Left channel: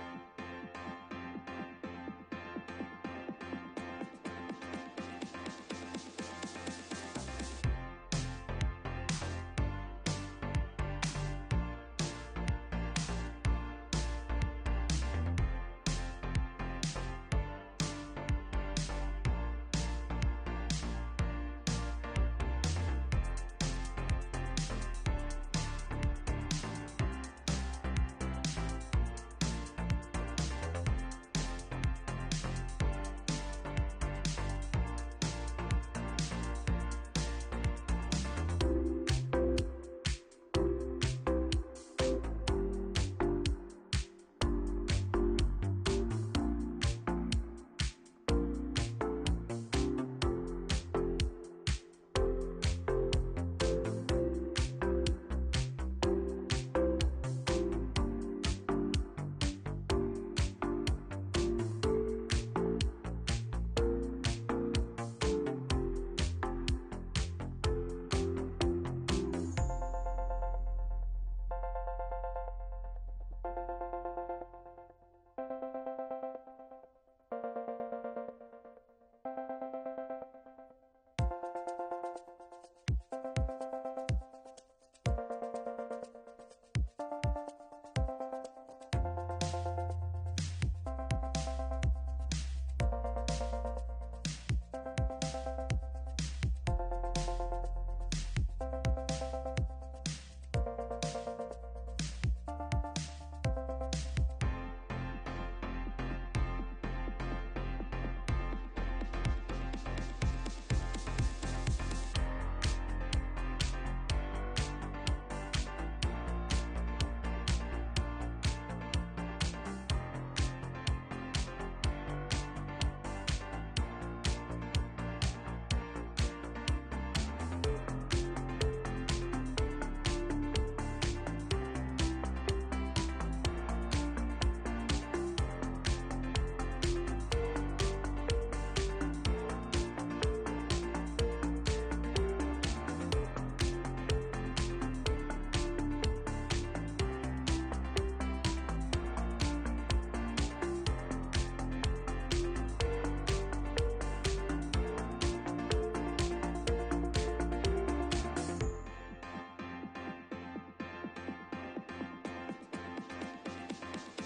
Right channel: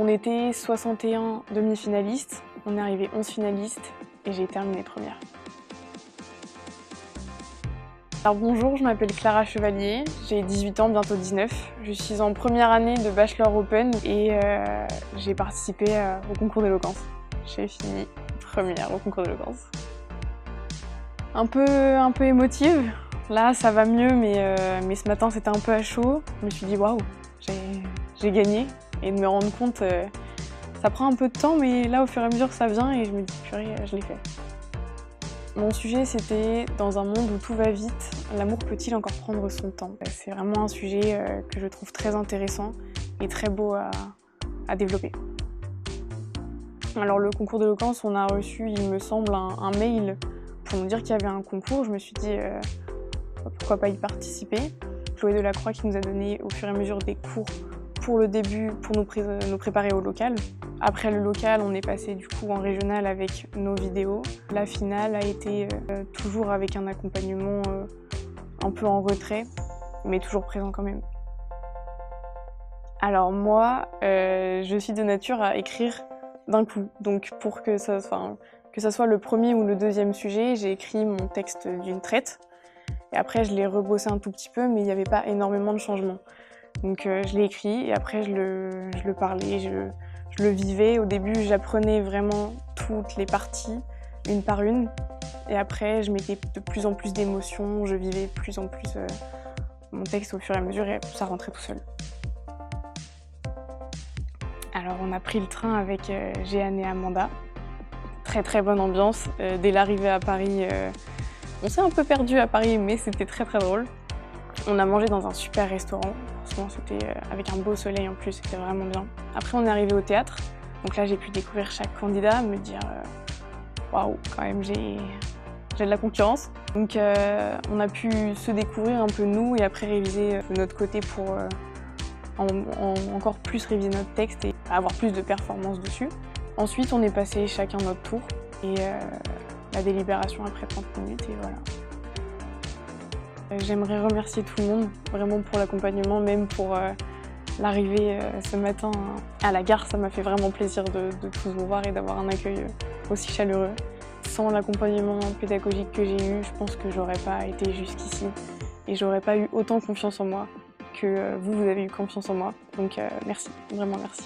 On était 61 demi-finalistes, on est arrivé 11 finalistes et j'ai terminé première. Alors bonjour, je m'appelle Clara Chevalier, j'ai 18 ans, bientôt 19. Je suis en première année de Bachelor Open et j'ai participé au concours d'éloquence. J'ai fini première au concours d'éloquence. Un peu émotive. Là, ça va mieux, mais ce matin, c'était un peu à chaud. Je me suis dit, waouh, j'ai gagné. Et de me rendre compte, ça prend un peu de temps, mais là, au fur et à mesure, ça vient et je me dis, purée, je l'ai fait. Mon sujet, c'était dans un monde où tout va vite, l'amour peut-il encore prendre son temps? C'est vraiment un sujet que je trouve très intéressant et très beau à développer. Alors, le concours d'éloquence, on a reçu, il me semble, un mail pour nous dire qu'il y avait un concours. Je me suis dit, pourquoi pas y participer? Chloé Delacroix qui nous a donné au fur et à mesure des cours pour le début, pour nous préparer au local. Après le local, on est passé du coup en régional avec nos vidéos. La finale a été toujours avec un accompagnement un peu en retrait, mais toujours présent quand même. Alors moi, je suis de nature à écrire d'un coup. Donc pour que ça soit le premier ou le deuxième sujet, j'ai écrit mon texte d'une traite. Et après, je l'ai rebossé un tout petit peu, mais il n'y avait pas énormément de changements. Donc je l'ai écrit et après je le parlais, je le vivais. Au début, j'apprenais vraiment toutes les parties, une par une. Et après, je mettais de plus en plus d'émotions, je vivais de plus en plus mon texte au fur et à mesure et ça rentrait tout seul. Alors on a pris le train avec Jeanne et Amanda. Très très bonne ambiance. Dès l'arrivée à Paris, on s'est un peu perdu à Paris, mais c'était très très drôle. On a mangé dans un super restaurant. C'était avec un beau soleil en plus, c'était vraiment bien. Après, on est arrivé au théâtre. Donc là, j'ai pu découvrir chaque candidat, me dire waouh, quand même, j'ai de la concurrence. Donc, on a pu se découvrir un peu nous et après réviser de notre côté pour encore plus réviser notre texte et avoir plus de performance dessus. Ensuite, on est passé chacun notre tour et la délibération après 30 minutes. Et voilà. J'aimerais remercier tout le monde, vraiment pour l'accompagnement, même pour l'arrivée ce matin à la gare. Ça m'a fait vraiment plaisir de tous vous voir et d'avoir un accueil aussi chaleureux. Sans l'accompagnement pédagogique que j'ai eu, je pense que j'aurais pas été jusqu'ici et j'aurais pas eu autant confiance en moi que vous avez eu confiance en moi. Donc merci, vraiment merci.